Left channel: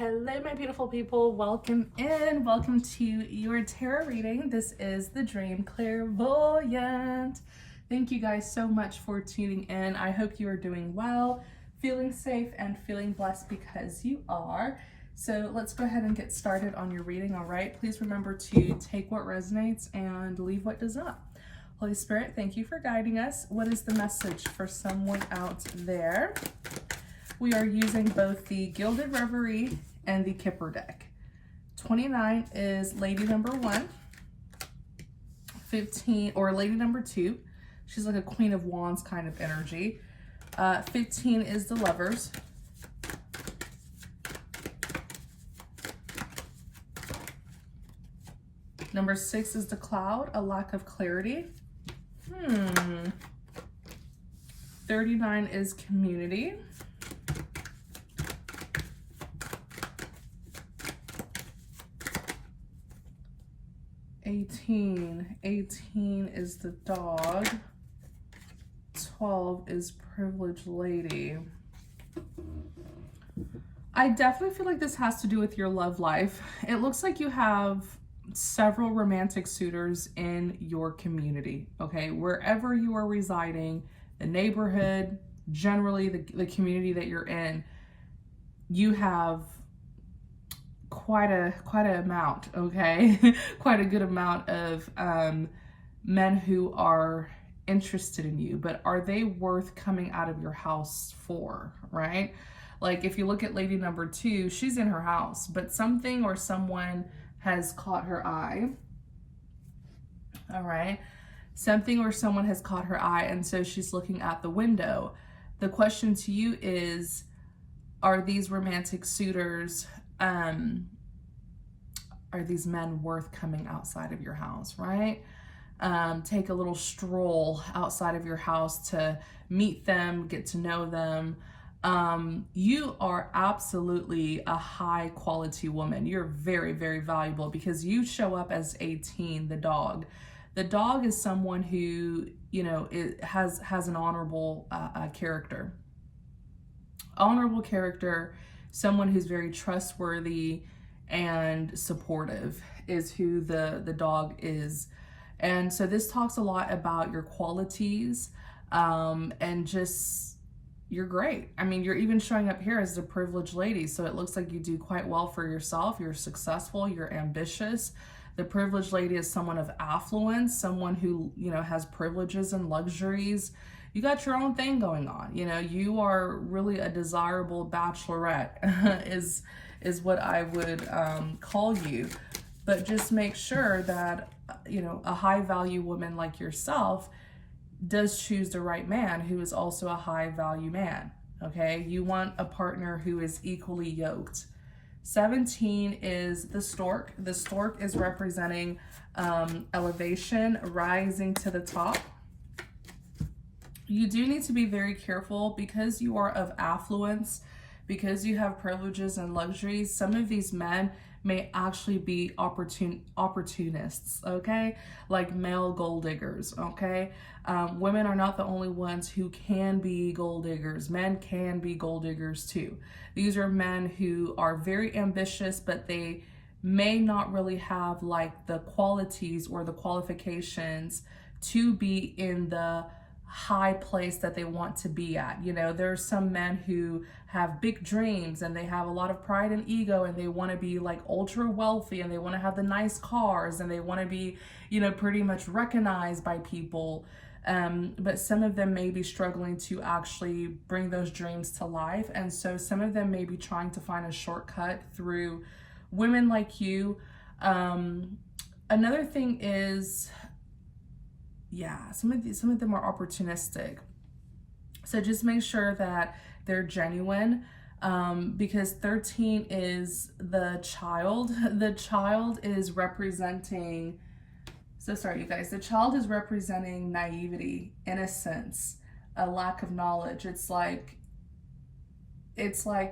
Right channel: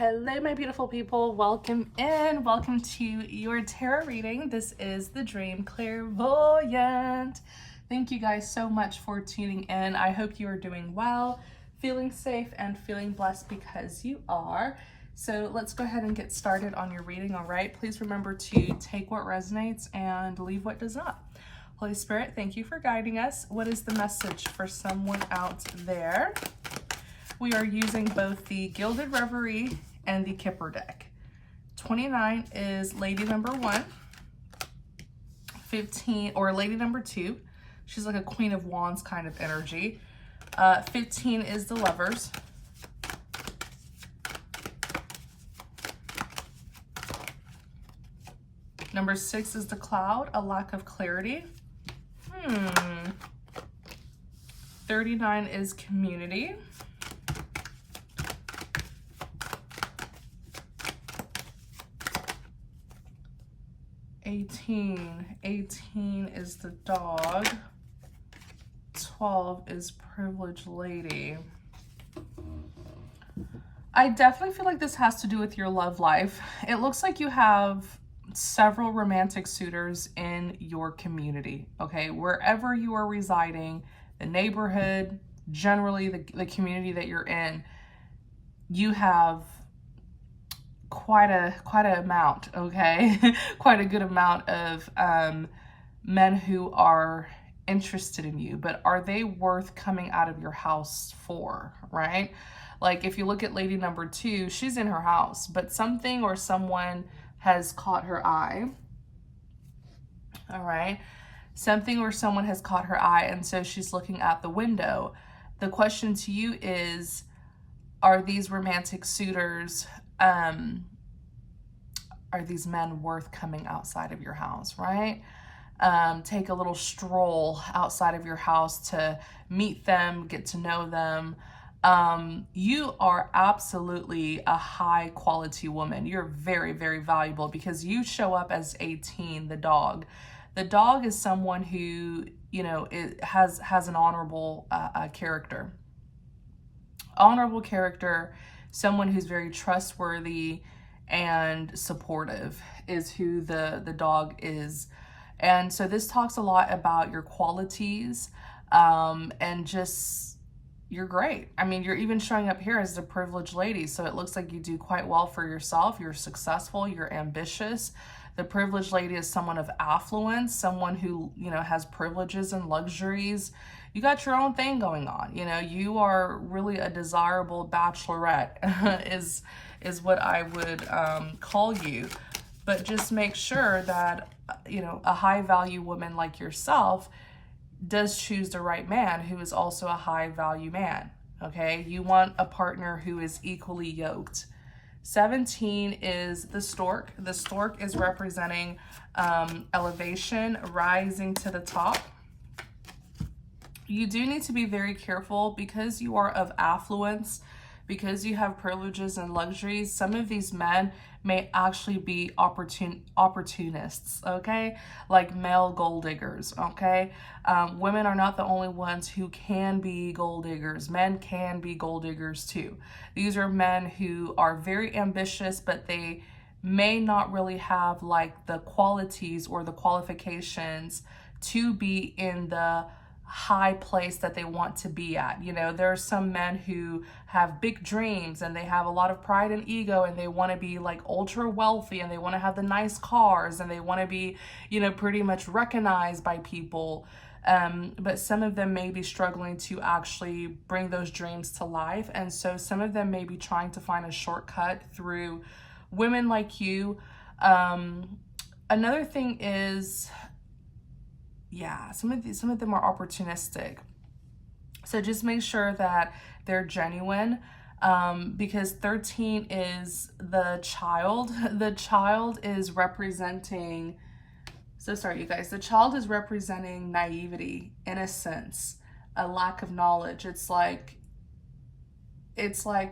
Hello, my beautiful people. Welcome in. Welcome to your tarot reading. This is the Dream Clairvoyant. Thank you guys so much for tuning in. I hope you are doing well, feeling safe, and feeling blessed because you are. So let's go ahead and get started on your reading, all right? Please remember to take what resonates and leave what does not. Holy Spirit, thank you for guiding us. What is the message for someone out there? We are using both the Gilded Reverie and the Kipper deck. 29 is lady number 1. 15, or lady number 2. She's like a Queen of Wands kind of energy. 15 is the Lovers. Number 6 is the Cloud, a lack of clarity. 39 is Community. 18 is the Dog. 12 is Privileged Lady. I definitely feel like this has to do with your love life. It looks like you have several romantic suitors in your community, okay? Wherever you are residing, the neighborhood, generally the community that you're in, you have quite a amount, okay? Quite a good amount of men who are interested in you, but are they worth coming out of your house for, right? Like if you look at lady number 2, she's in her house, but something or someone has caught her eye, all right? Something or someone has caught her eye, and so she's looking at the window. The question to you is, are these romantic suitors, are these men worth coming outside of your house, right? Take a little stroll outside of your house to meet them, get to know them. You are absolutely a high quality woman. You're very, very valuable because you show up as 18, the Dog. The Dog is someone who, you know, has an honorable character. Honorable character, someone who's very trustworthy and supportive is who the Dog is. And so this talks a lot about your qualities, and just, you're great. I mean, you're even showing up here as the Privileged Lady, so it looks like you do quite well for yourself. You're successful, you're ambitious. The Privileged Lady is someone of affluence, someone who, you know, has privileges and luxuries. You got your own thing going on. You know, you are really a desirable bachelorette is what I would call you. But just make sure that, you know, a high value woman like yourself does choose the right man who is also a high value man, okay? You want a partner who is equally yoked. 17 is the Stork. The Stork is representing elevation, rising to the top. You do need to be very careful because you are of affluence, because you have privileges and luxuries. Some of these men may actually be opportunists, okay? Like male gold diggers, okay? Women are not the only ones who can be gold diggers. Men can be gold diggers too. These are men who are very ambitious, but they may not really have like the qualities or the qualifications to be in the high place that they want to be at. You know, there are some men who have big dreams and they have a lot of pride and ego and they want to be like ultra wealthy and they want to have the nice cars and they want to be, you know, pretty much recognized by people. But some of them may be struggling to actually bring those dreams to life. And so some of them may be trying to find a shortcut through women like you. Another thing is, yeah, some of them are opportunistic. So just make sure that they're genuine, because 13 is the Child. The Child is representing, so sorry you guys, the Child is representing naivety, innocence, a lack of knowledge. It's like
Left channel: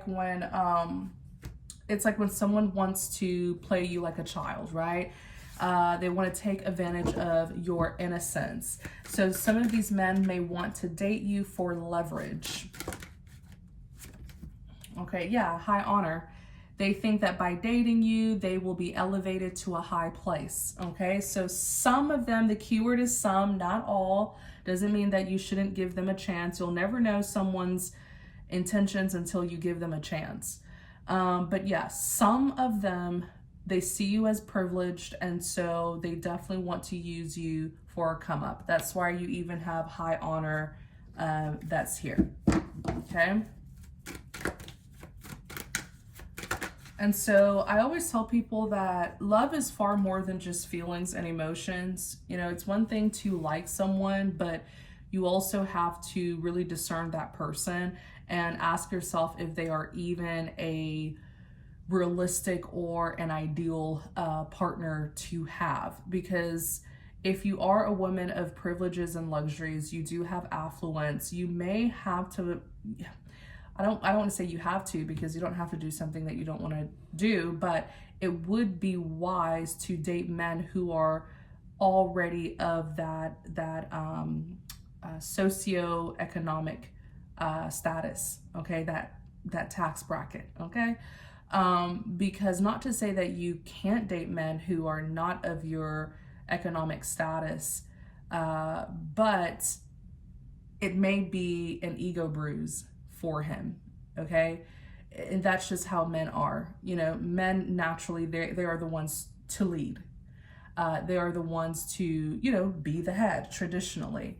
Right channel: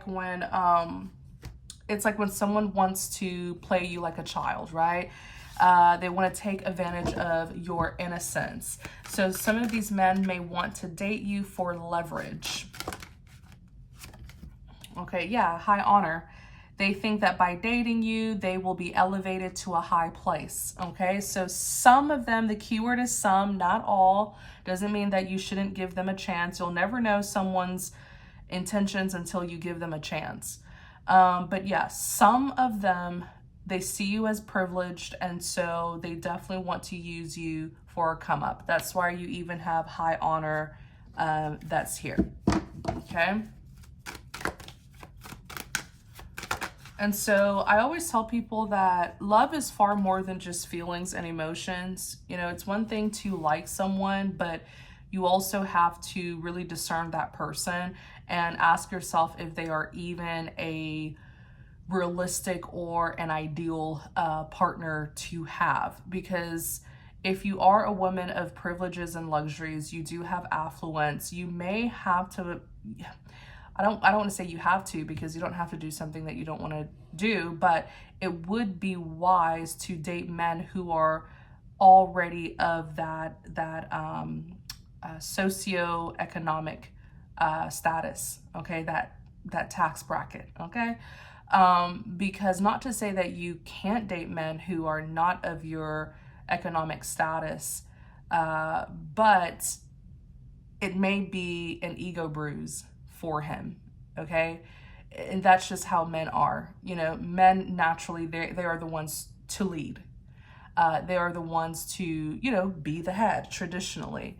when someone wants to play you like a child, right? They want to take advantage of your innocence. So some of these men may want to date you for leverage. Okay, yeah, high honor. They think that by dating you, they will be elevated to a high place, okay? So some of them, the keyword is some, not all, doesn't mean that you shouldn't give them a chance. You'll never know someone's intentions until you give them a chance. But yeah, some of them, they see you as privileged, and so they definitely want to use you for a come up. That's why you even have high honor that's here, okay? And so I always tell people that love is far more than just feelings and emotions. You know, it's one thing to like someone, but you also have to really discern that person and ask yourself if they are even a realistic or an ideal partner to have. Because if you are a woman of privileges and luxuries, you do have affluence, you may have to, I don't want to say you have to, because you don't have to do something that you don't want to do, but it would be wise to date men who are already of that socioeconomic status, okay, that tax bracket, okay? Because not to say that you can't date men who are not of your economic status, but it may be an ego bruise for him, okay? And that's just how men are. You know, men naturally, they are the ones to lead. They are the ones to, you know, be the head traditionally.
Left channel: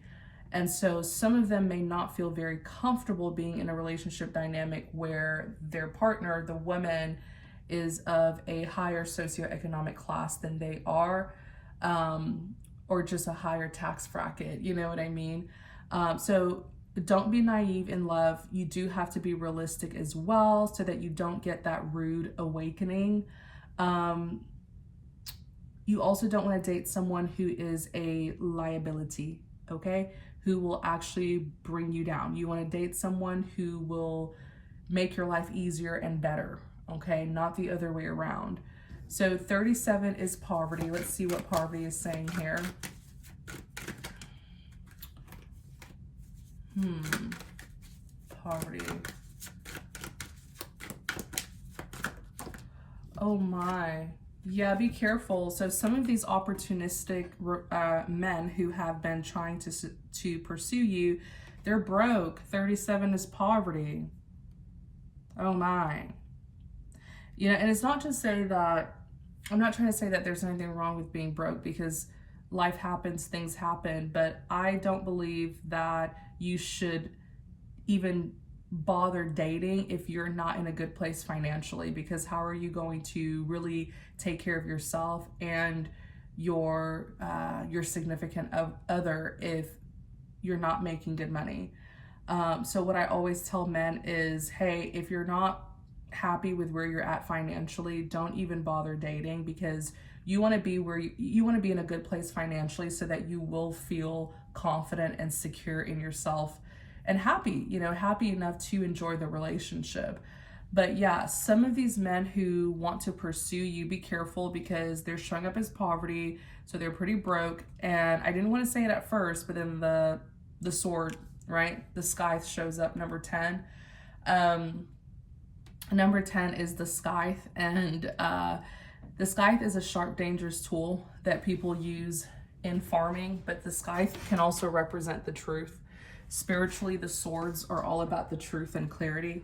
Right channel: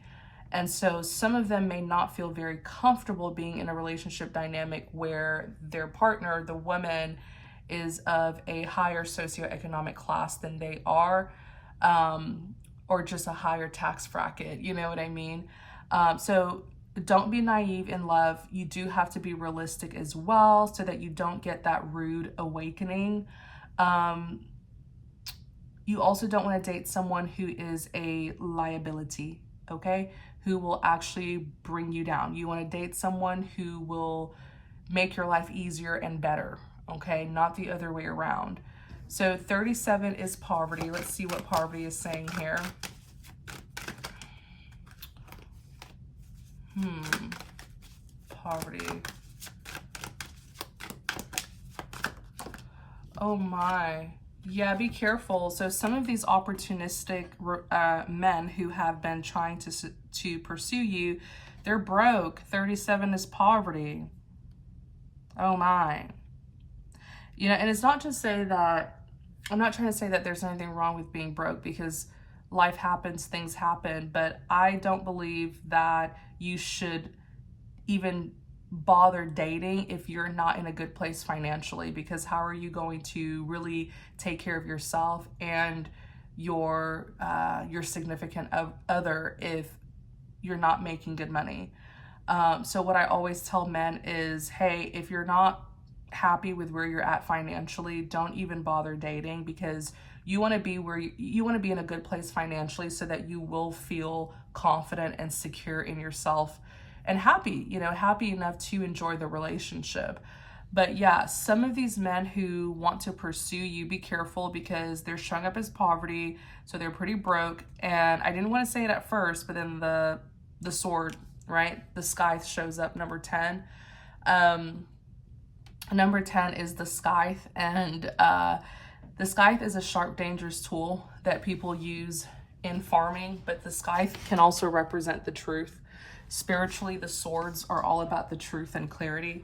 And so some of them may not feel very comfortable being in a relationship dynamic where their partner, the woman, is of a higher socioeconomic class than they are, or just a higher tax bracket, you know what I mean? So don't be naive in love. You do have to be realistic as well so that you don't get that rude awakening. You also don't want to date someone who is a liability, okay? Who will actually bring you down. You want to date someone who will make your life easier and better, okay? Not the other way around. So 37 is poverty. Let's see what poverty is saying here. Poverty. Oh my. Yeah, be careful. So some of these opportunistic men who have been trying to pursue you, they're broke. 37 is poverty. Oh my. You know, and it's not to say that, I'm not trying to say that there's anything wrong with being broke, because life happens, things happen, but I don't believe that you should even bother dating if you're not in a good place financially, because how are you going to really take care of yourself and your significant other if you're not making good money? So what I always tell men is, hey, if you're not happy with where you're at financially, don't even bother dating, because you want to be where you want to be in a good place financially so that you will feel confident and secure in yourself and happy, you know, happy enough to enjoy the relationship. But yeah, some of these men who want to pursue you, be careful, because they're showing up as poverty, so they're pretty broke. And I didn't want to say it at first, but then the sword, right? The scythe shows up, number 10. Number 10 is the scythe, and the scythe is a sharp, dangerous tool that people use in farming, but the scythe can also represent the truth. Spiritually, the swords are all about the truth and clarity.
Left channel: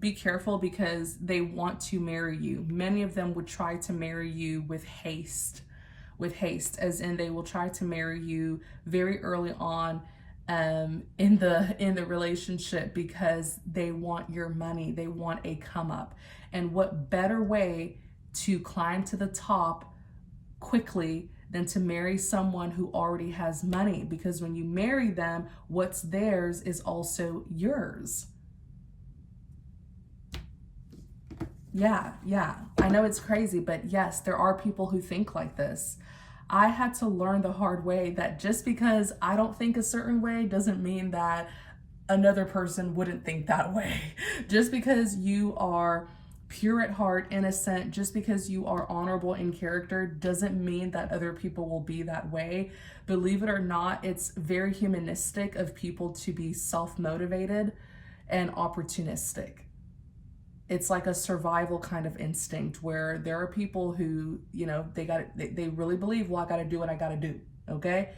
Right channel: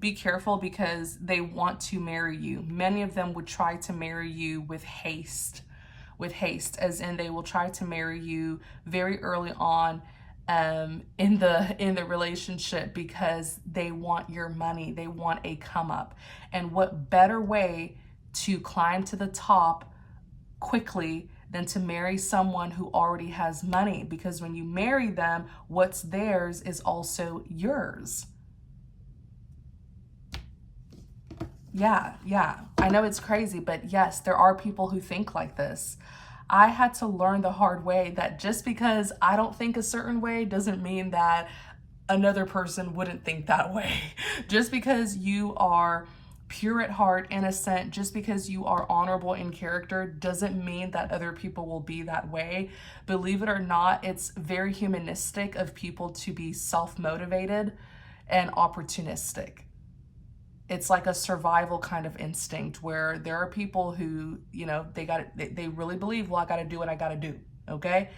Be careful, because they want to marry you. Many of them would try to marry you with haste, as in they will try to marry you very early on in the relationship, because they want your money, they want a come up. And what better way to climb to the top quickly than to marry someone who already has money? Because when you marry them, what's theirs is also yours. Yeah, I know it's crazy, but yes, there are people who think like this. I had to learn the hard way that just because I don't think a certain way doesn't mean that another person wouldn't think that way. Just because you are pure at heart, innocent, just because you are honorable in character doesn't mean that other people will be that way. Believe it or not, it's very humanistic of people to be self-motivated and opportunistic. It's like a survival kind of instinct where there are people who, they really believe, well, I got to do what I got to do. Okay.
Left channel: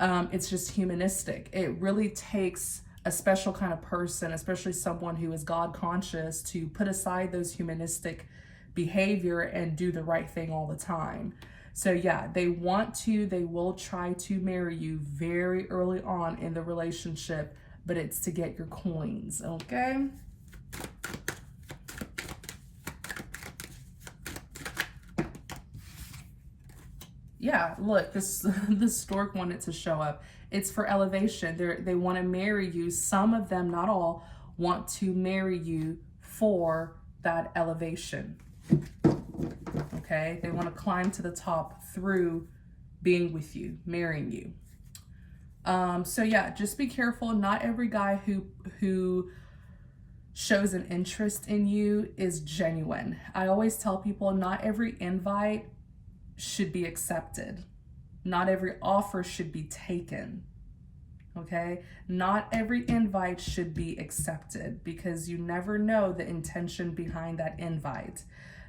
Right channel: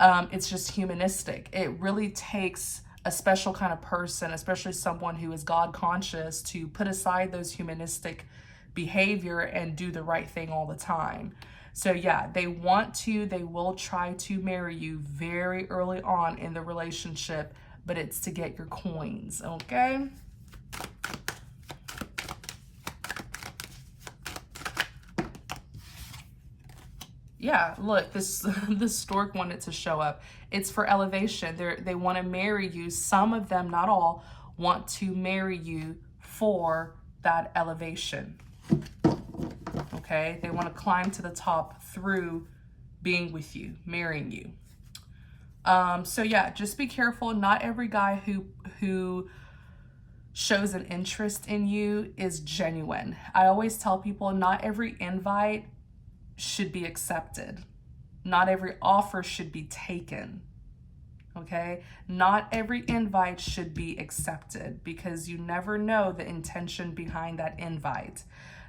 It's just humanistic. It really takes a special kind of person, especially someone who is God conscious, to put aside those humanistic behavior and do the right thing all the time. So yeah, they will try to marry you very early on in the relationship, but it's to get your coins, okay? Yeah, look, this stork wanted to show up. It's for elevation. They want to marry you. Some of them, not all, want to marry you for that elevation. Okay? They want to climb to the top through being with you, marrying you. So yeah, just be careful. Not every guy who shows an interest in you is genuine. I always tell people not every invite should be accepted. Not every offer should be taken. Okay? Not every invite should be accepted because you never know the intention behind that invite.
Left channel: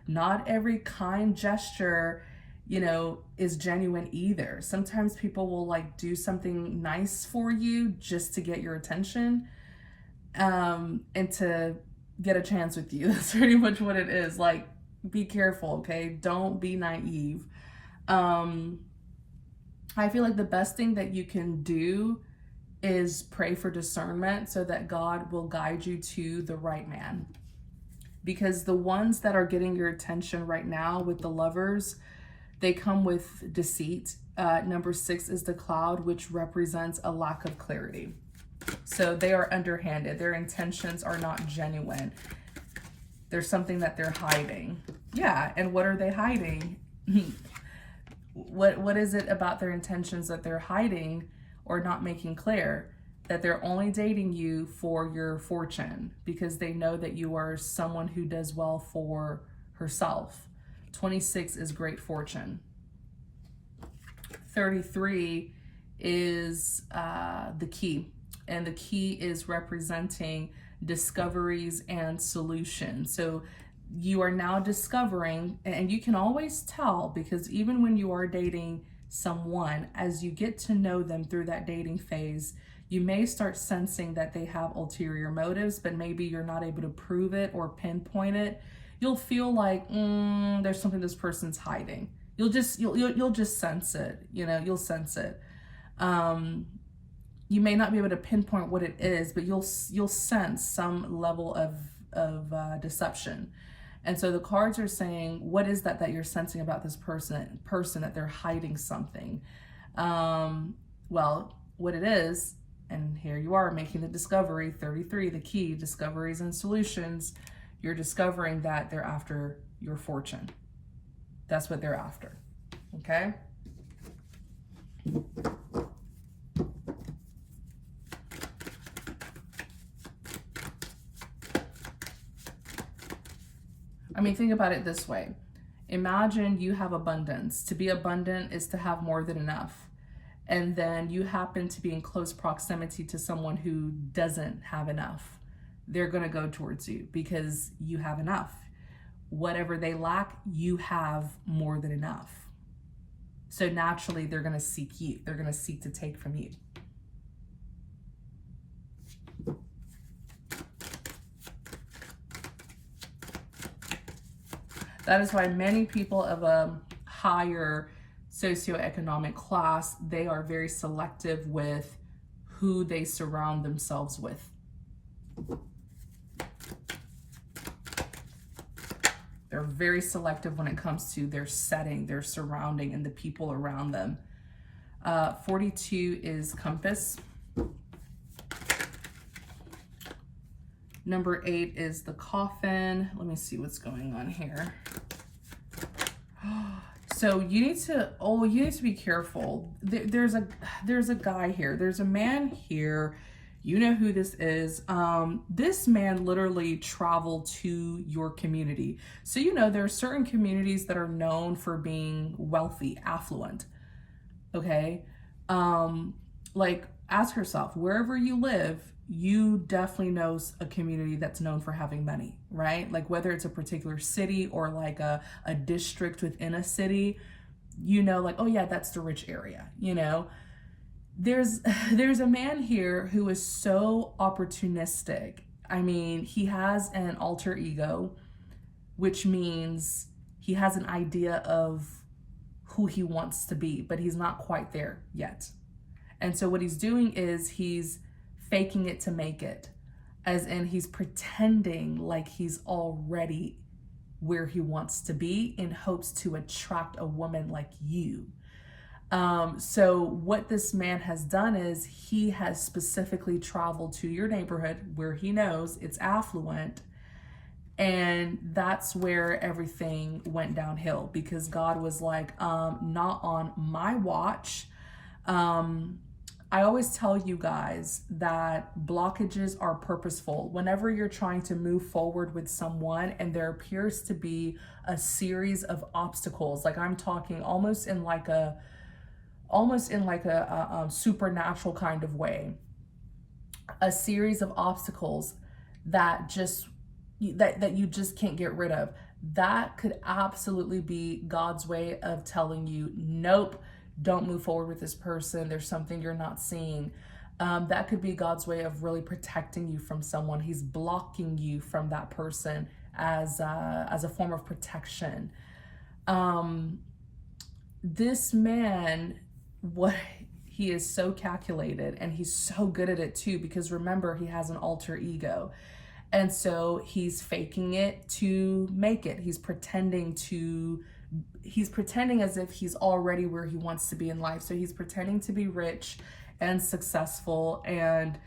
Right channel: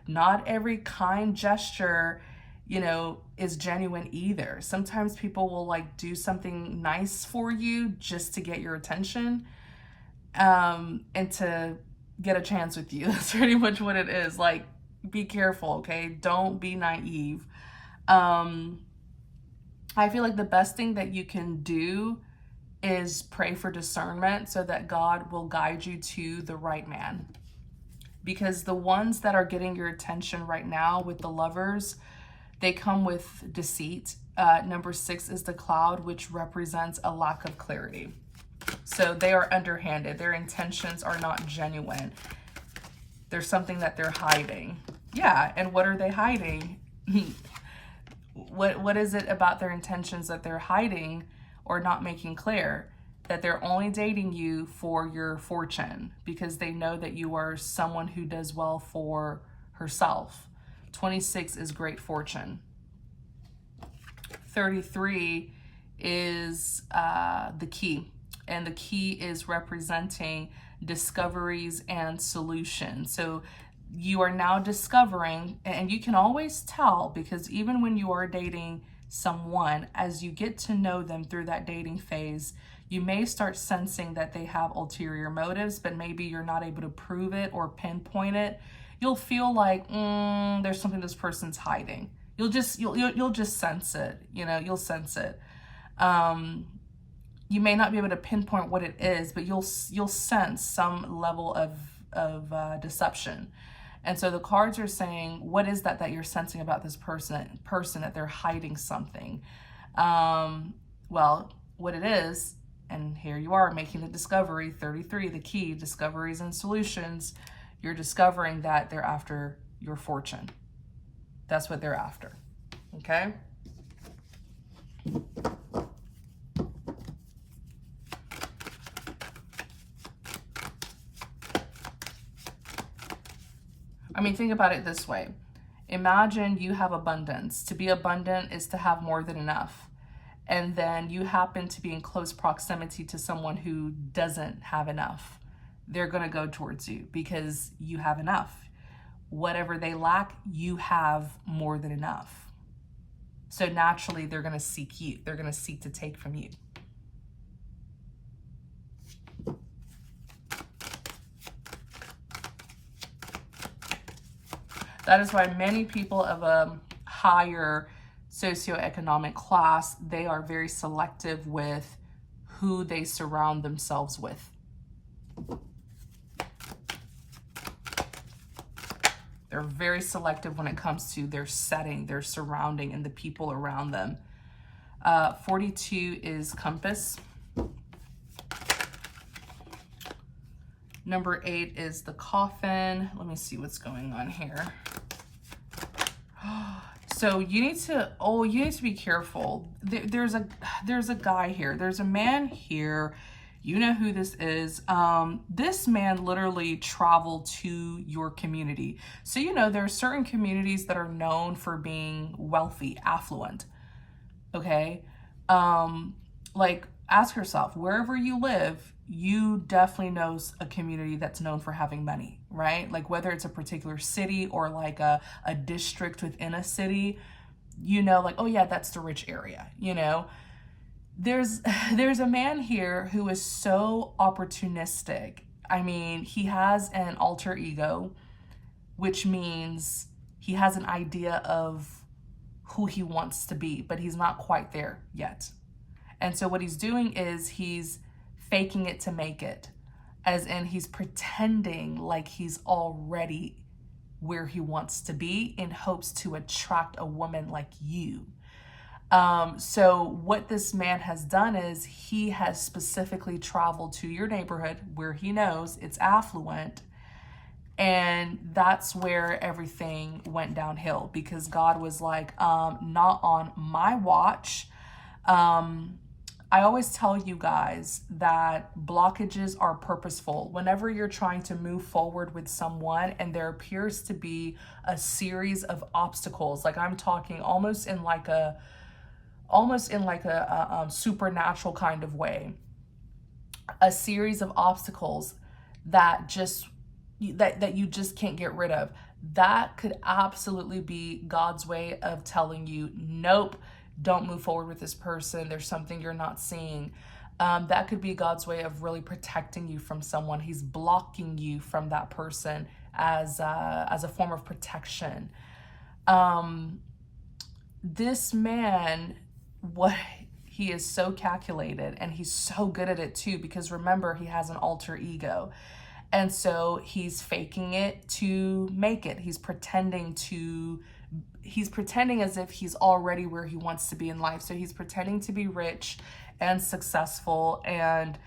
Not every kind gesture, is genuine either. Sometimes people will like do something nice for you just to get your attention, and to get a chance with you. That's pretty much what it is. Like, be careful, okay? Don't be naive. I feel like the best thing that you can do is pray for discernment so that God will guide you to the right man. Because the ones that are getting your attention right now with the lovers, they come with deceit. Number 6 is the cloud, which represents a lack of clarity. So they are underhanded. Their intentions are not genuine. There's something that they're hiding. Yeah, and what are they hiding? What is it about their intentions that they're hiding or not making clear? That they're only dating you for your fortune because they know that you are someone who does well for herself. 26 is great fortune. 33 is the key, and the key is representing discoveries and solutions. So you are now discovering, and you can always tell, because even when you are dating someone, as you get to know them through that dating phase, you may start sensing that they have ulterior motives, but maybe you're not able to prove it or pinpoint it. You'll feel like there's something this person's hiding. You'll just sense it. You'll sense it. You may not be able to pinpoint what it is, but you'll sense some level of deception. And so the cards are saying, what is that you're sensing about this person that they're hiding something? Well, what it is, and here you are making the discovery, 33, the key, discoveries and solutions. You're discovering that they're after your fortune. That's what they're after, okay? I mean, think about it this way. Imagine you have abundance. To be abundant is to have more than enough. And then you happen to be in close proximity to someone who doesn't have enough. They're going to go towards you because you have enough. Whatever they lack, you have more than enough. So naturally, they're going to seek you. They're going to seek to take from you. That is why many people of a higher socioeconomic class, they are very selective with who they surround themselves with. They're very selective when it comes to their setting, their surrounding, and the people around them. 42 is compass. Number 8 is the coffin. Let me see what's going on here. So you need to be careful. There's a guy here. There's a man here. You know who this is. This man literally traveled to your community. So there are certain communities that are known for being wealthy, affluent. Okay? Like ask yourself, wherever you live, you definitely know a community that's known for having money, right? Like whether it's a particular city or like a district within a city, you know, like, oh yeah, that's the rich area, you know. There's there's a man here who is so opportunistic. I mean, he has an alter ego, which means he has an idea of who he wants to be, but he's not quite there yet. And so what he's doing is he's faking it to make it, as in he's pretending like he's already where he wants to be in hopes to attract a woman like you. So what this man has done is he has specifically traveled to your neighborhood where he knows it's affluent. And that's where everything went downhill, because God was like, not on my watch. I always tell you guys that blockages are purposeful. Whenever you're trying to move forward with someone and there appears to be a series of obstacles, like I'm talking almost in like a supernatural kind of way, a series of obstacles that you just can't get rid of, that could absolutely be God's way of telling you, nope, don't move forward with this person. There's something you're not seeing. That could be God's way of really protecting you from someone. He's blocking you from that person as a form of protection. This man, he is so calculated, and he's so good at it too, because remember, he has an alter ego. And so he's faking it to make it. He's pretending as if he's already where he wants to be in life. So he's pretending to be rich and successful. And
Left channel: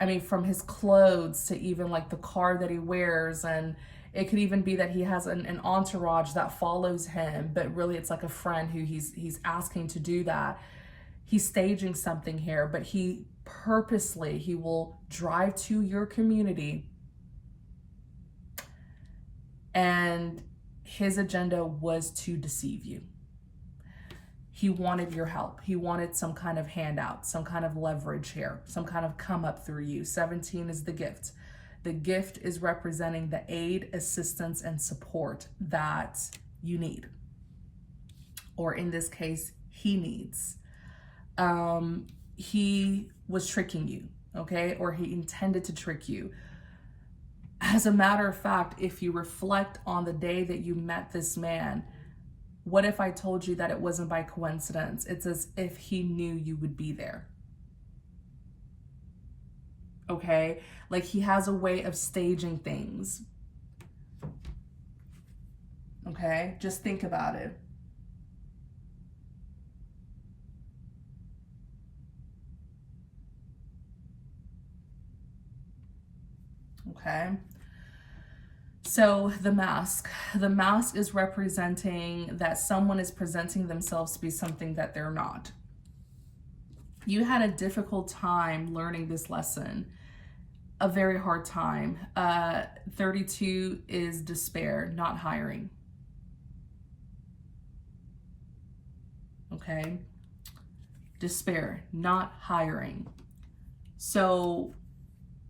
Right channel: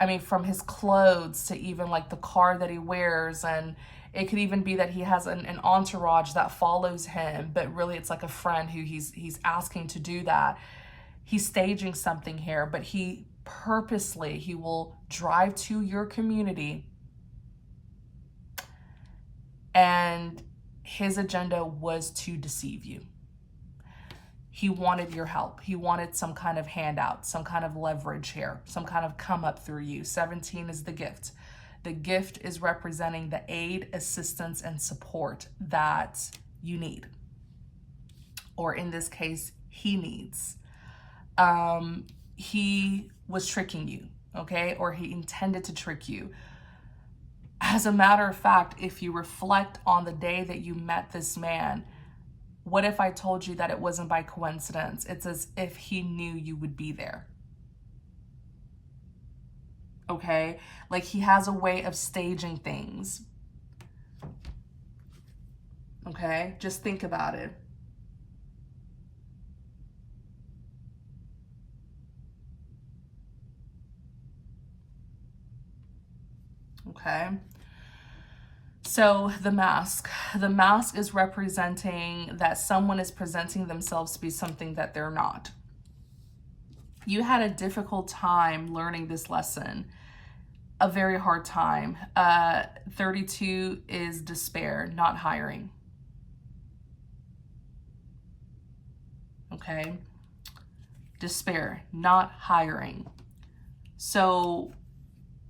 I mean, from his clothes to even like the car that he wears, and it could even be that he has an entourage that follows him, but really it's like a friend who he's asking to do that. He's staging something here, but he will drive to your community, and his agenda was to deceive you. He wanted your help. He wanted some kind of handout, some kind of leverage here, some kind of come up through you. 17 is the gift. The gift is representing the aid, assistance, and support that you need. Or in this case, he needs. He was tricking you, okay? Or he intended to trick you. As a matter of fact, if you reflect on the day that you met this man, what if I told you that it wasn't by coincidence? It's as if he knew you would be there. Okay? Like he has a way of staging things. Okay? Just think about it. Okay? So the mask is representing that someone is presenting themselves to be something that they're not. You had a difficult time learning this lesson, a very hard time. 32 is despair, not hiring. Okay? Despair, not hiring. So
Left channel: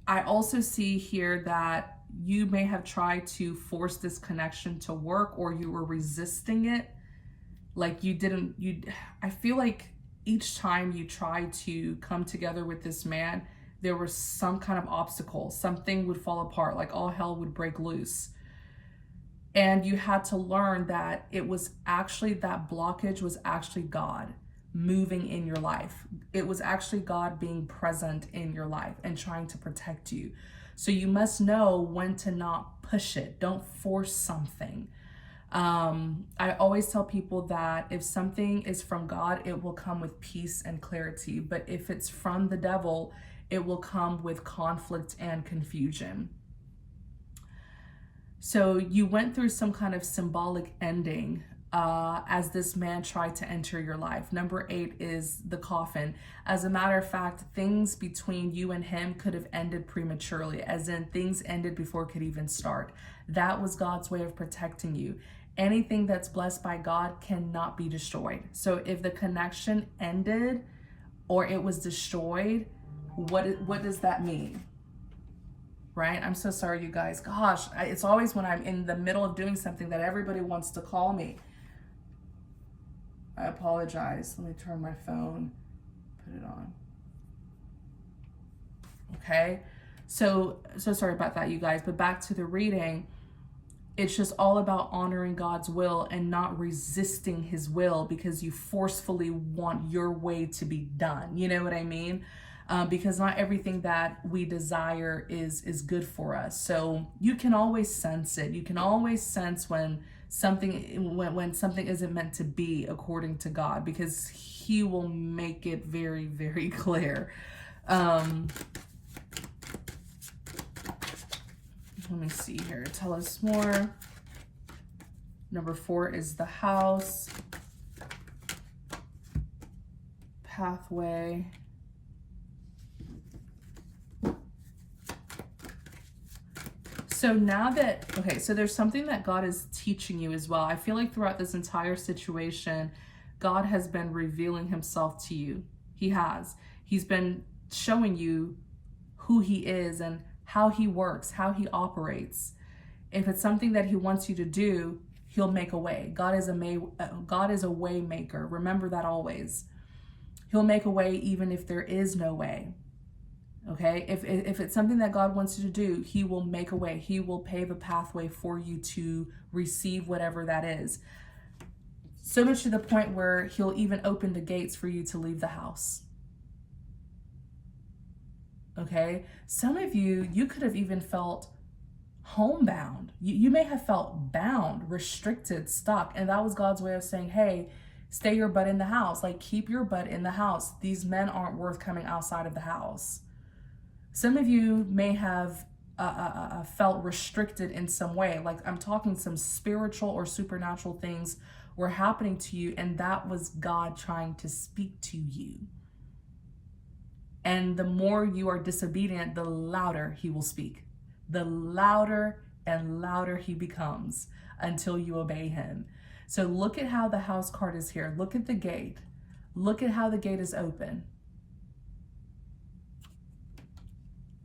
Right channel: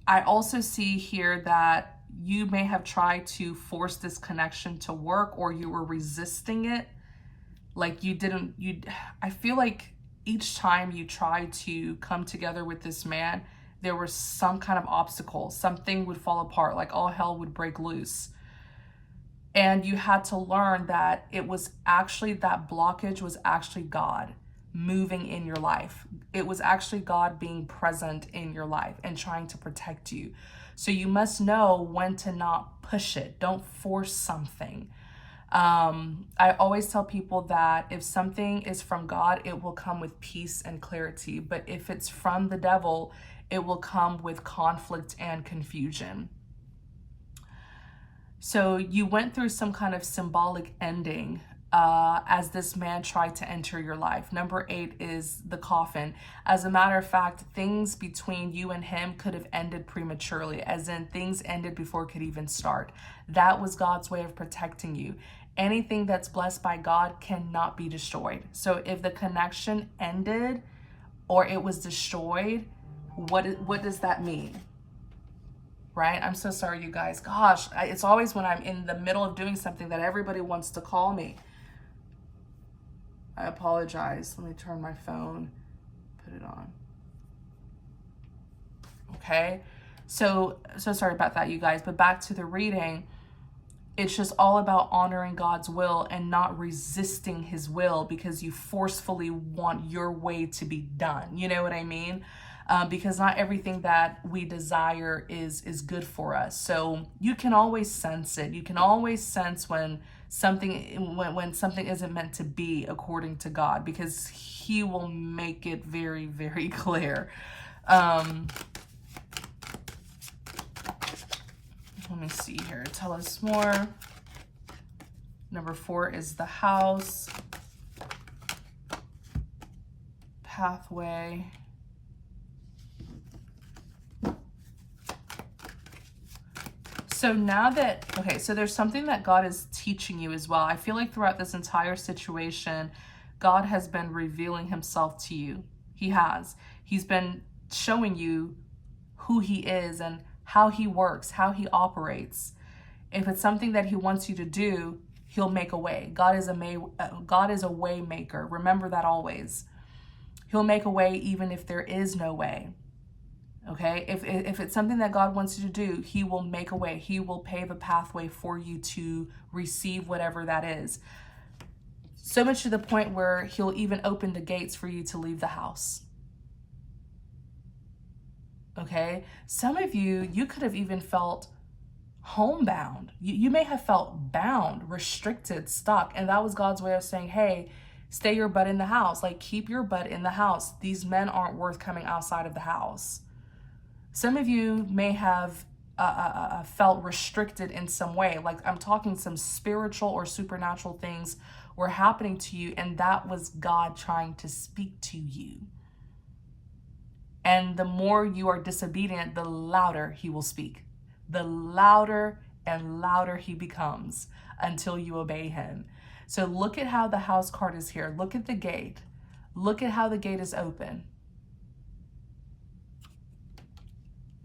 I also see here that you may have tried to force this connection to work, or you were resisting it. Like I feel like each time you tried to come together with this man, there was some kind of obstacle. Something would fall apart, like all hell would break loose. And you had to learn that it was actually, that blockage was actually God moving in your life. It was actually God being present in your life and trying to protect you. So you must know when to not push it. Don't force something. I always tell people that if something is from God, it will come with peace and clarity. But if it's from the devil, it will come with conflict and confusion. So you went through some kind of symbolic ending as this man tried to enter your life. Number 8 is the coffin. As a matter of fact, things between you and him could have ended prematurely, as in things ended before it could even start. That was God's way of protecting you. Anything that's blessed by God cannot be destroyed. So if the connection ended, or it was destroyed, what does that mean? Right? I'm so sorry, you guys. Gosh, it's always when I'm in the middle of doing something that everybody wants to call me. I apologize. Let me turn my phone, put it on. Okay, so sorry about that, you guys, but back to the reading. It's just all about honoring God's will and not resisting his will because you forcefully want your way to be done. You know what I mean? Because not everything that we desire is good for us. So you can always sense it. You can always sense when something isn't meant to be according to God, because he will make it very, very clear. Let me see here. Tell us more. Number 4 is the house. Pathway. So now that, okay, so there's something that God is teaching you as well. I feel like throughout this entire situation, God has been revealing himself to you. He has. He's been showing you who he is and how he works, how he operates. If it's something that he wants you to do, he'll make a way. God is a way maker. Remember that always. He'll make a way even if there is no way. Okay? If it's something that God wants you to do, he will make a way. He will pave a pathway for you to receive whatever that is. So much to the point where he'll even open the gates for you to leave the house. Okay? Some of you could have even felt homebound. You may have felt bound, restricted, stuck. And that was God's way of saying, hey, stay your butt in the house. Like, keep your butt in the house. These men aren't worth coming outside of the house. Some of you may have felt restricted in some way. Like, I'm talking some spiritual or supernatural things were happening to you, and that was God trying to speak to you. And the more you are disobedient, the louder he will speak. The louder and louder he becomes until you obey him. So look at how the house card is here. Look at the gate. Look at how the gate is open.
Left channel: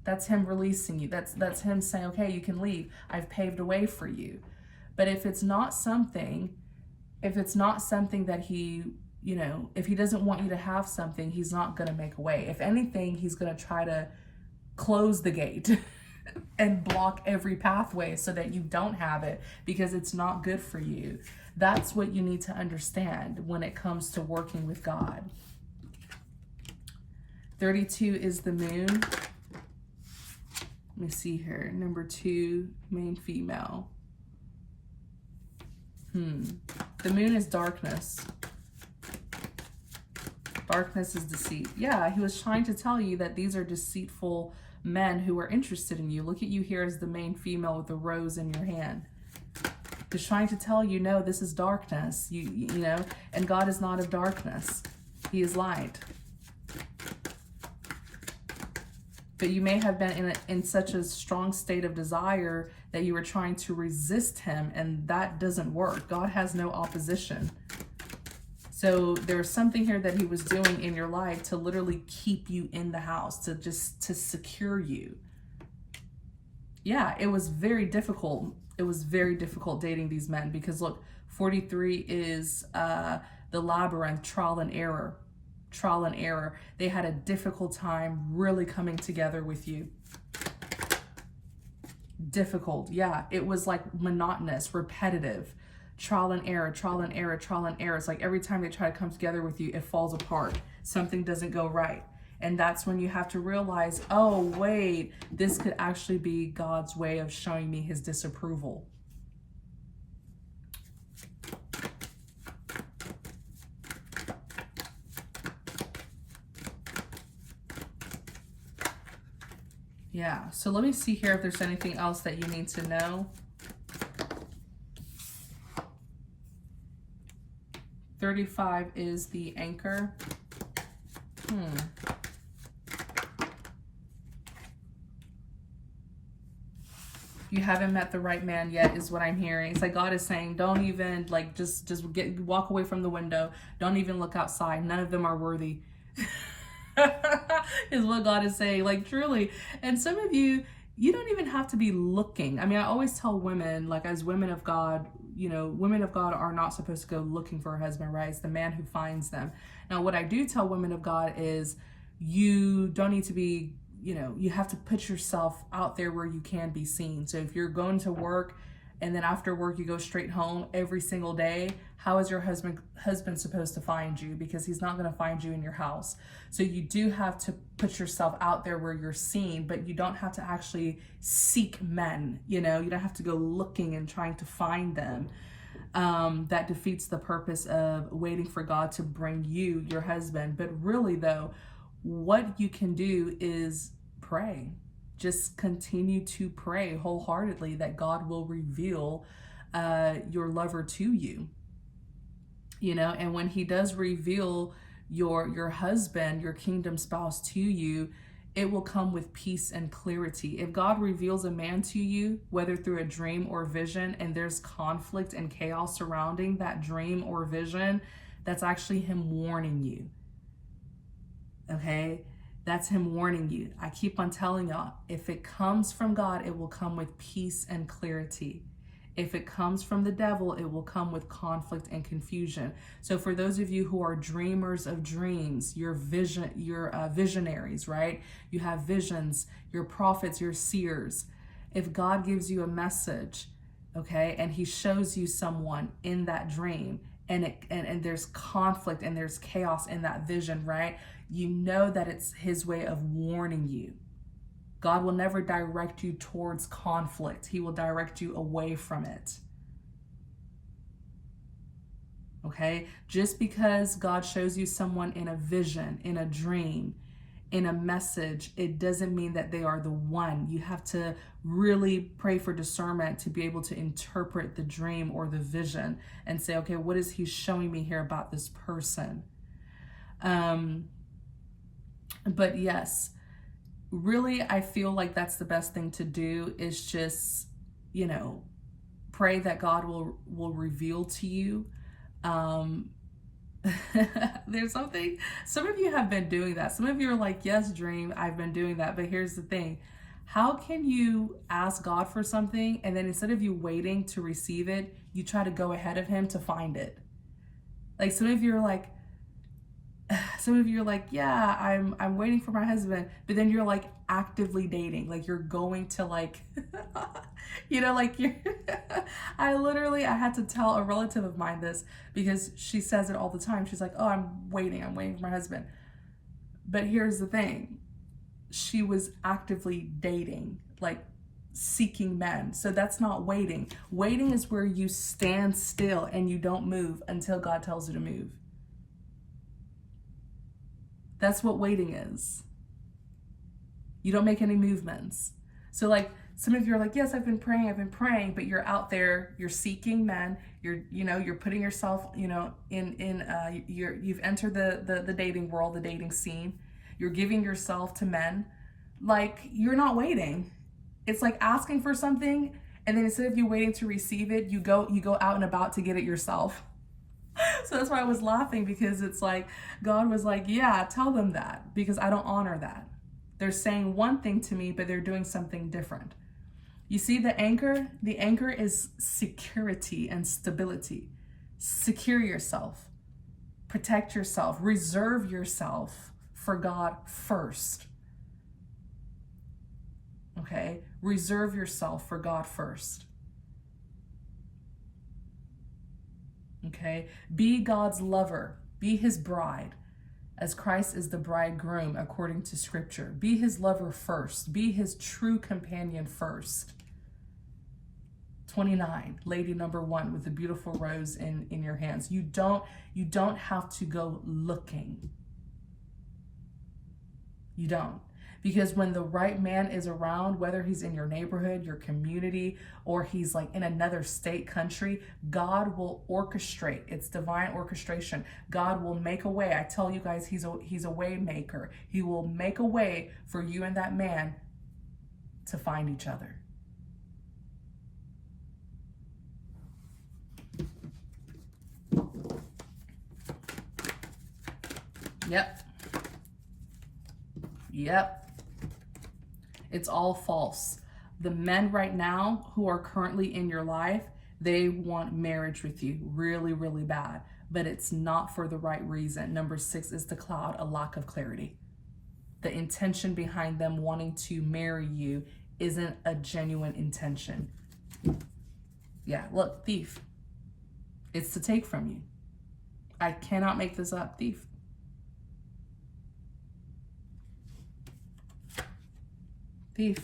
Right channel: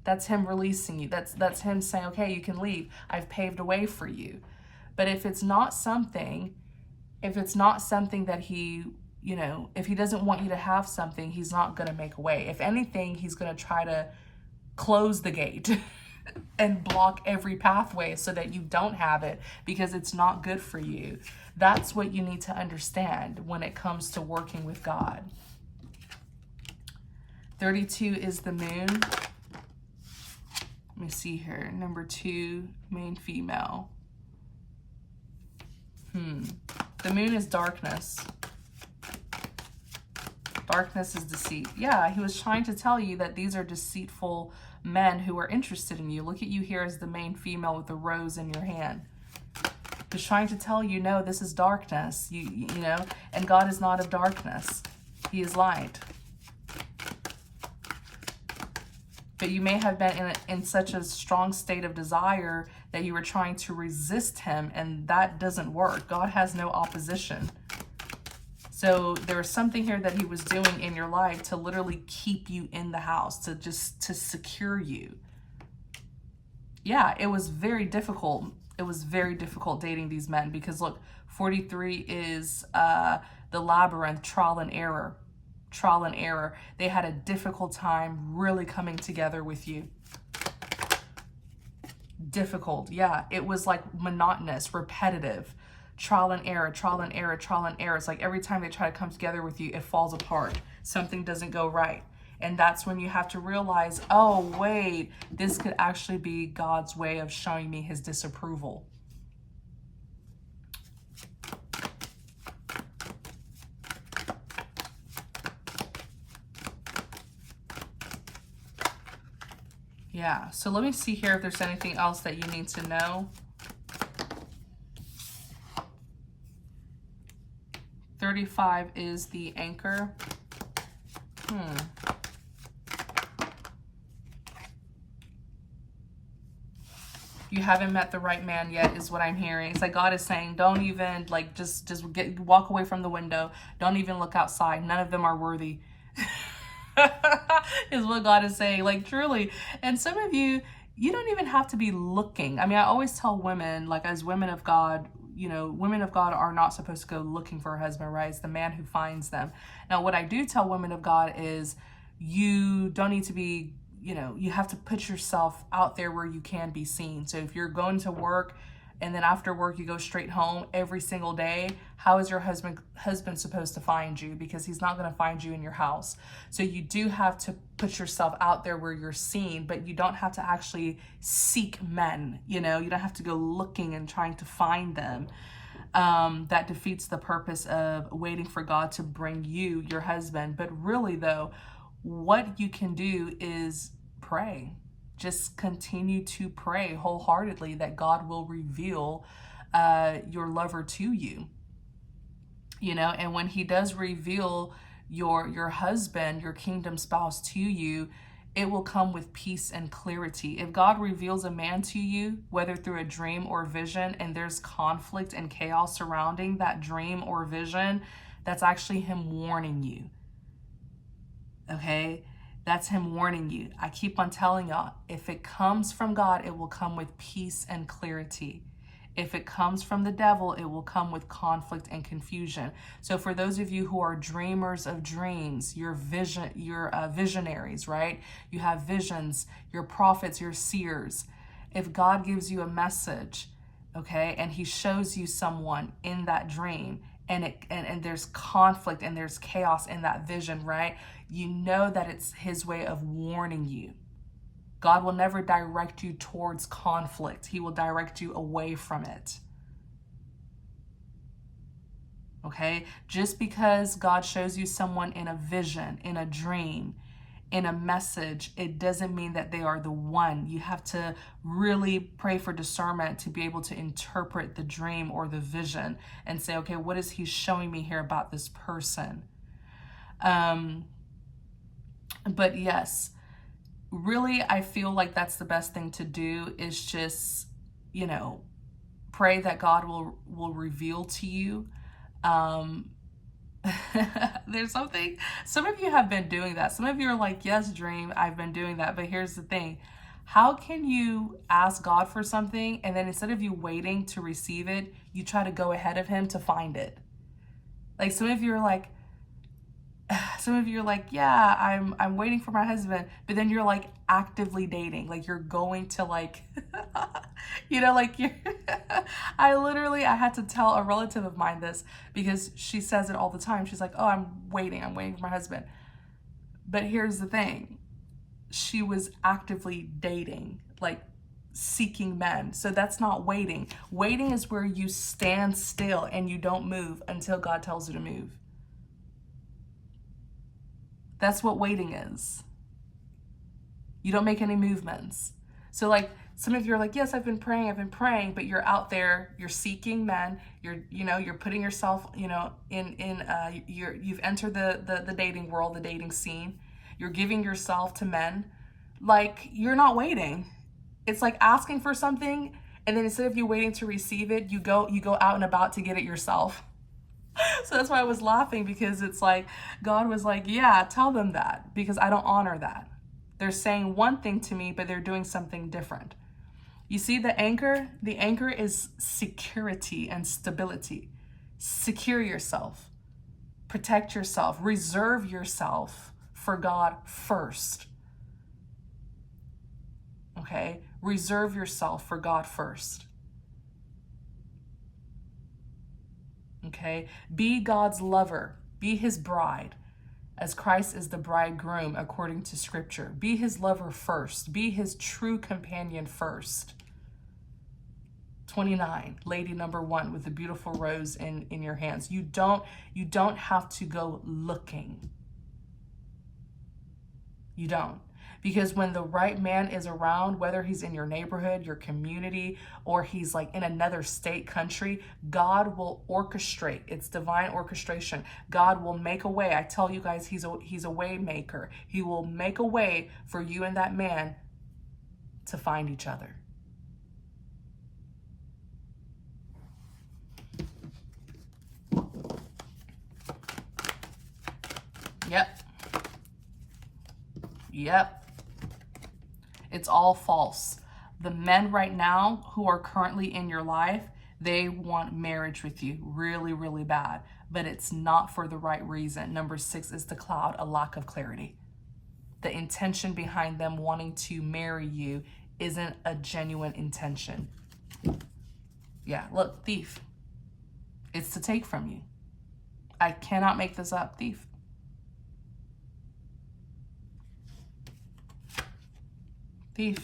That's him releasing you. That's him saying, okay, you can leave. I've paved a way for you. But if it's not something that he, if he doesn't want you to have something, he's not going to make a way. If anything, he's going to try to close the gate and block every pathway so that you don't have it, because it's not good for you. That's what you need to understand when it comes to working with God. 32 is the moon. Let me see here. Number 2, main female. The moon is darkness. Darkness is deceit. Yeah, he was trying to tell you that these are deceitful men who are interested in you. Look at you here as the main female with the rose in your hand. He's trying to tell you, no, this is darkness. You know, and God is not of darkness. He is light. But you may have been in such a strong state of desire that you were trying to resist him, and that doesn't work. God has no opposition. So there was something here that he was doing in your life to literally keep you in the house, to secure you. Yeah, it was very difficult. It was very difficult dating these men, because look, 43 is the labyrinth, trial and error. Trial and error. They had a difficult time really coming together with you. Difficult. Yeah, it was like monotonous, repetitive. Trial and error, trial and error, trial and error. It's like every time they try to come together with you, it falls apart. Something doesn't go right. And that's when you have to realize, oh, wait, this could actually be God's way of showing me his disapproval. Yeah, so let me see here if there's anything else that you need to know. 35 is the anchor. You haven't met the right man yet, is what I'm hearing. It's like God is saying, don't even, like, just walk away from the window. Don't even look outside. None of them are worthy. is what God is saying, like truly. And some of you, you don't even have to be looking. I mean, I always tell women, like as women of God, you know, women of God are not supposed to go looking for a husband, right? It's the man who finds them. Now, what I do tell women of God is you don't need to be, you know, you have to put yourself out there where you can be seen. So if you're going to work and then after work you go straight home every single day, how is your husband supposed to find you? Because he's not going to find you in your house. So you do have to put yourself out there where you're seen, but you don't have to actually seek men. You know, you don't have to go looking and trying to find them. That defeats the purpose of waiting for God to bring you your husband. But really though, what you can do is pray. Just continue to pray wholeheartedly that God will reveal your lover to you. You know, and when he does reveal your husband, your kingdom spouse to you, it will come with peace and clarity. If God reveals a man to you, whether through a dream or vision, and there's conflict and chaos surrounding that dream or vision, that's actually him warning you. Okay? That's him warning you. I keep on telling y'all, if it comes from God, it will come with peace and clarity. If it comes from the devil, it will come with conflict and confusion. So for those of you who are dreamers of dreams, you're visionaries, right? You have visions, you're prophets, you're seers. If God gives you a message, okay, and he shows you someone in that dream, and there's conflict and there's chaos in that vision, right? You know that it's his way of warning you. God will never direct you towards conflict. He will direct you away from it. Okay? Just because God shows you someone in a vision, in a dream, in a message, it doesn't mean that they are the one. You have to really pray for discernment to be able to interpret the dream or the vision and say, okay, what is he showing me here about this person? But yes, really, I feel like that's the best thing to do is just, you know, pray that God will reveal to you. There's something, some of you have been doing that. Some of you are like, yes, dream, I've been doing that. But here's the thing. How can you ask God for something and then instead of you waiting to receive it, you try to go ahead of him to find it? Like some of you are like, yeah, I'm waiting for my husband, but then you're like actively dating, like you're going to like, you know, like you're, I had to tell a relative of mine this because she says it all the time. She's like, oh, I'm waiting for my husband. But here's the thing. She was actively dating, like seeking men. So that's not waiting. Waiting is where you stand still and you don't move until God tells you to move. That's what waiting is. You don't make any movements. So like some of you are like, yes, I've been praying, but you're out there, you're seeking men, you're putting yourself, you've entered the dating world, the dating scene. You're giving yourself to men. Like you're not waiting. It's like asking for something and then instead of you waiting to receive it, you go out and about to get it yourself. So that's why I was laughing because it's like, God was like, yeah, tell them that because I don't honor that. They're saying one thing to me, but they're doing something different. You see the anchor? The anchor is security and stability. Secure yourself, protect yourself, reserve yourself for God first. Okay? Reserve yourself for God first. Okay? Be God's lover. Be his bride, as Christ is the bridegroom according to scripture. Be his lover first. Be his true companion first. 29, lady number 1 with the beautiful rose in your hands. You don't have to go looking. You don't. Because when the right man is around, whether he's in your neighborhood, your community, or he's like in another state, country, God will orchestrate. It's divine orchestration. God will make a way. I tell you guys, he's a way maker. He will make a way for you and that man to find each other. Yep. Yep. It's all false. The men right now who are currently in your life, they want marriage with you really, really bad, but it's not for the right reason. Number 6 is the cloud, a lack of clarity. The intention behind them wanting to marry you isn't a genuine intention. Yeah, look, thief. It's to take from you. I cannot make this up, thief. Thief.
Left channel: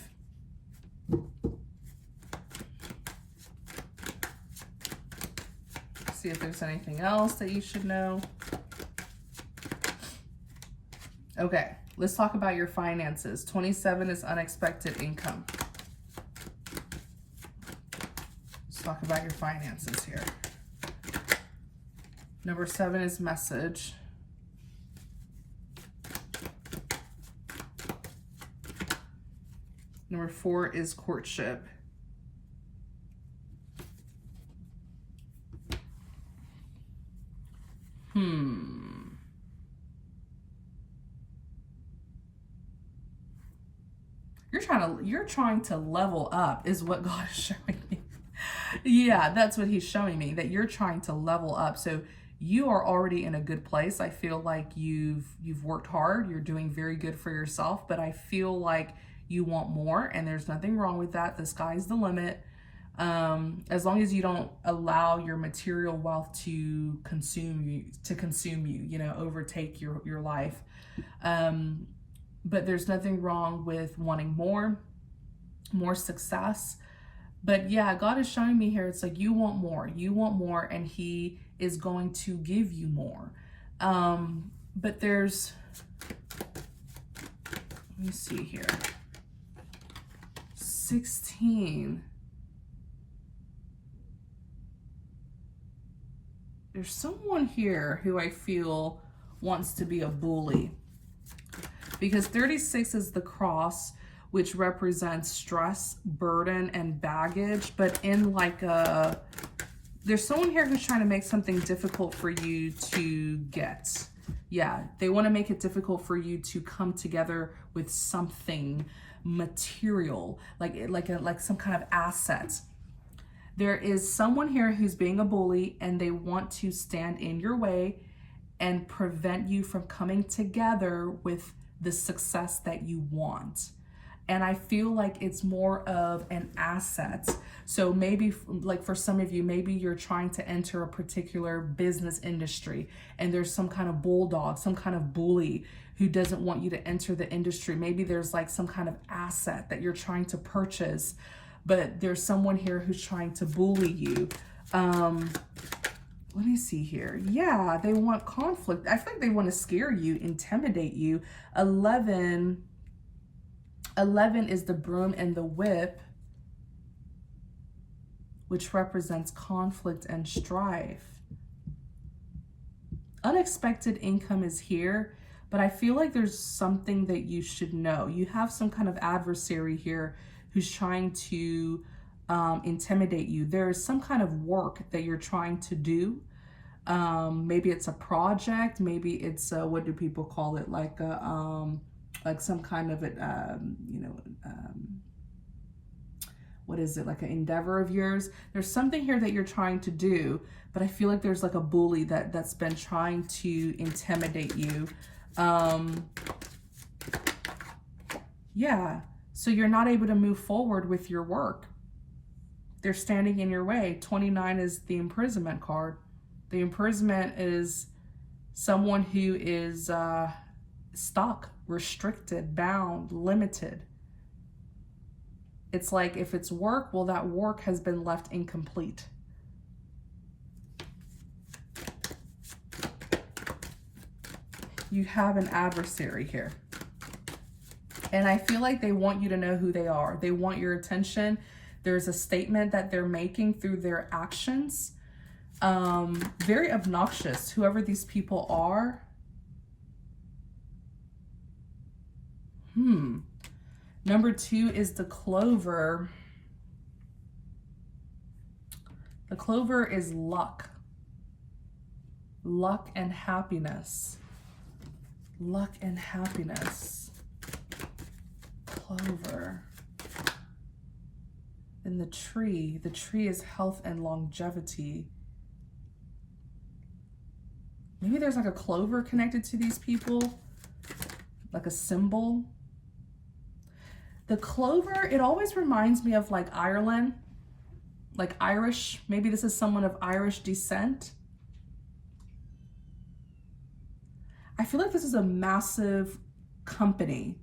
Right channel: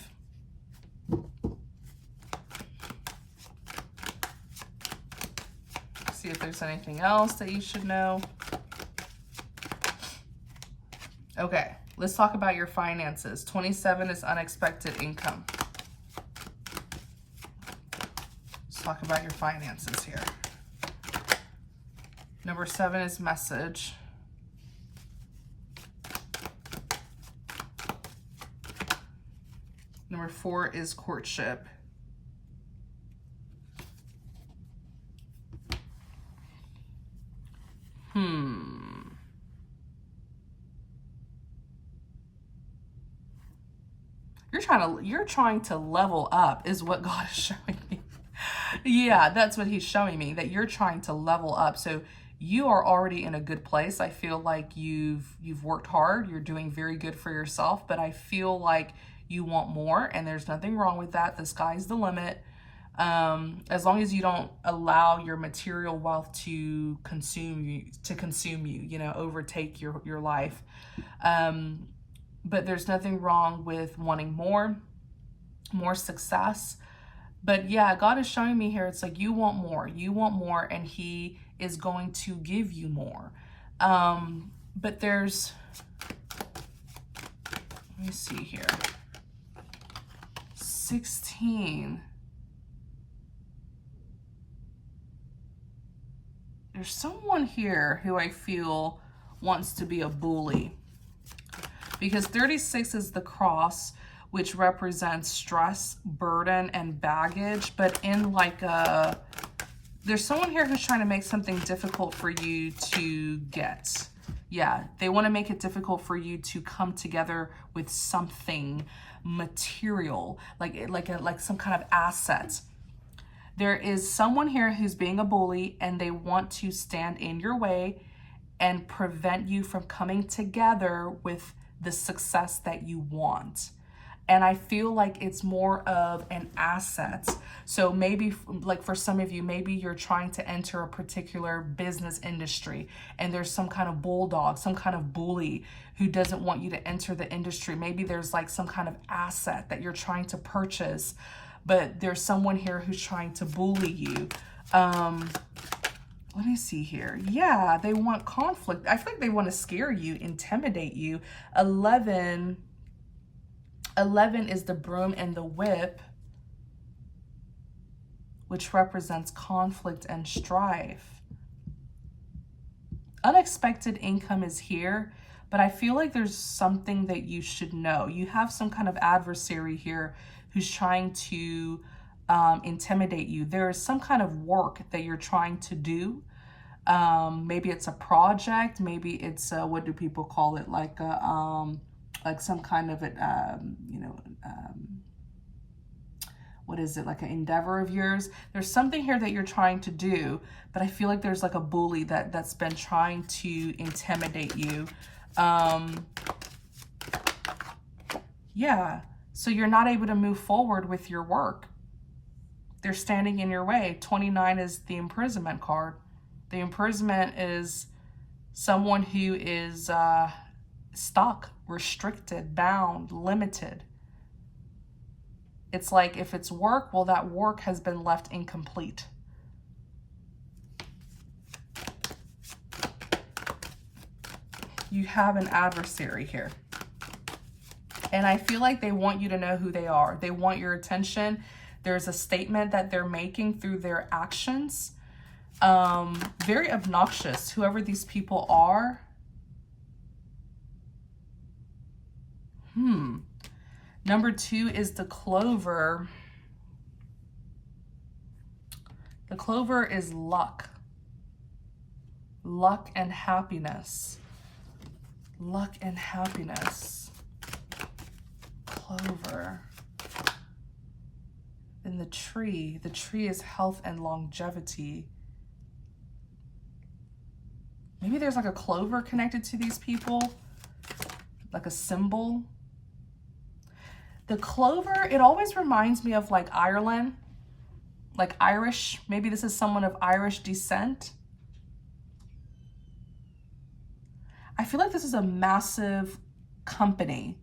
See if there's anything else that you should know. Okay, let's talk about your finances. 27 is unexpected income. Let's talk about your finances here. Number 7 is message. Number 4 is courtship. You're trying to level up is what God is showing me. Yeah, that's what he's showing me, that you're trying to level up. So you are already in a good place. I feel like you've worked hard. You're doing very good for yourself, but I feel like you want more, and there's nothing wrong with that. The sky's the limit. As long as you don't allow your material wealth to consume you, you know, overtake your life. But there's nothing wrong with wanting more success. But yeah, God is showing me here, it's like you want more, and he is going to give you more. But there's, let me see here, 16. There's someone here who I feel wants to be a bully, because 36 is the cross, which represents stress, burden, and baggage. But in like there's someone here who's trying to make something difficult for you to get. Yeah, they want to make it difficult for you to come together with something material, like some kind of asset. There is someone here who's being a bully, and they want to stand in your way and prevent you from coming together with the success that you want. And I feel like it's more of an asset. So maybe like for some of you, maybe you're trying to enter a particular business industry, and there's some kind of bulldog, some kind of bully who doesn't want you to enter the industry. Maybe there's like some kind of asset that you're trying to purchase, but there's someone here who's trying to bully you. Let me see here. Yeah, they want conflict. I feel like they want to scare you, intimidate you. 11 is the broom and the whip, which represents conflict and strife. Unexpected income is here, but I feel like there's something that you should know. You have some kind of adversary here who's trying to intimidate you. There is some kind of work that you're trying to do. Maybe it's a project. Maybe it's what do people call it? Like some kind of what is it? Like an endeavor of yours. There's something here that you're trying to do, but I feel like there's like a bully that's been trying to intimidate you. Yeah. So you're not able to move forward with your work. They're standing in your way. 29 is the imprisonment card. The imprisonment is someone who is stuck, restricted, bound, limited. It's like if it's work, well, that work has been left incomplete. You have an adversary here. And I feel like they want you to know who they are. They want your attention. There's a statement that they're making through their actions. Very obnoxious, whoever these people are. Number 2 is the clover. The clover is luck. Luck and happiness. Luck and happiness. clover. And the tree is health and longevity. Maybe there's like a clover connected to these people, like a symbol. The clover, it always reminds me of like Ireland, like Irish. Maybe this is someone of Irish descent. I feel like this is a massive company.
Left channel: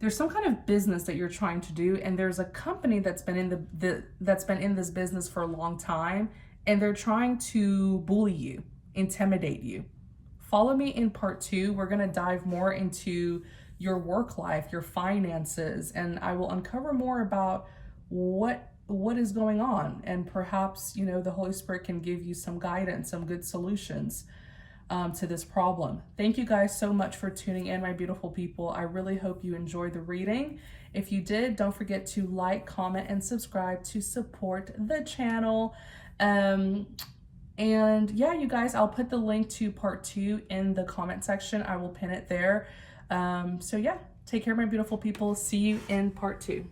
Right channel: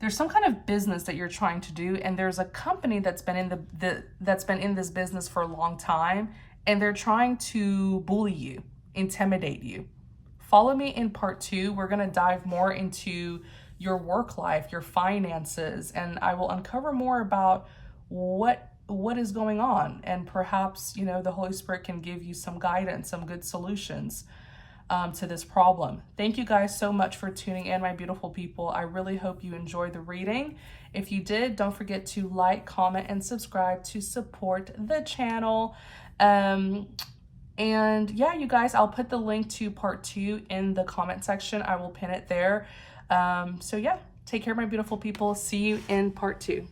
There's some kind of business that you're trying to do, and there's a company that's been in this business for a long time, and they're trying to bully you, intimidate you. Follow me in part 2. We're going to dive more into your work life, your finances, and I will uncover more about what is going on, and perhaps, you know, the Holy Spirit can give you some guidance, some good solutions to this problem. Thank you guys so much for tuning in, my beautiful people. I really hope you enjoyed the reading. If you did, don't forget to like, comment, and subscribe to support the channel. And yeah, you guys, I'll put the link to part 2 in the comment section. I will pin it there. So yeah, take care, my beautiful people. See you in part 2.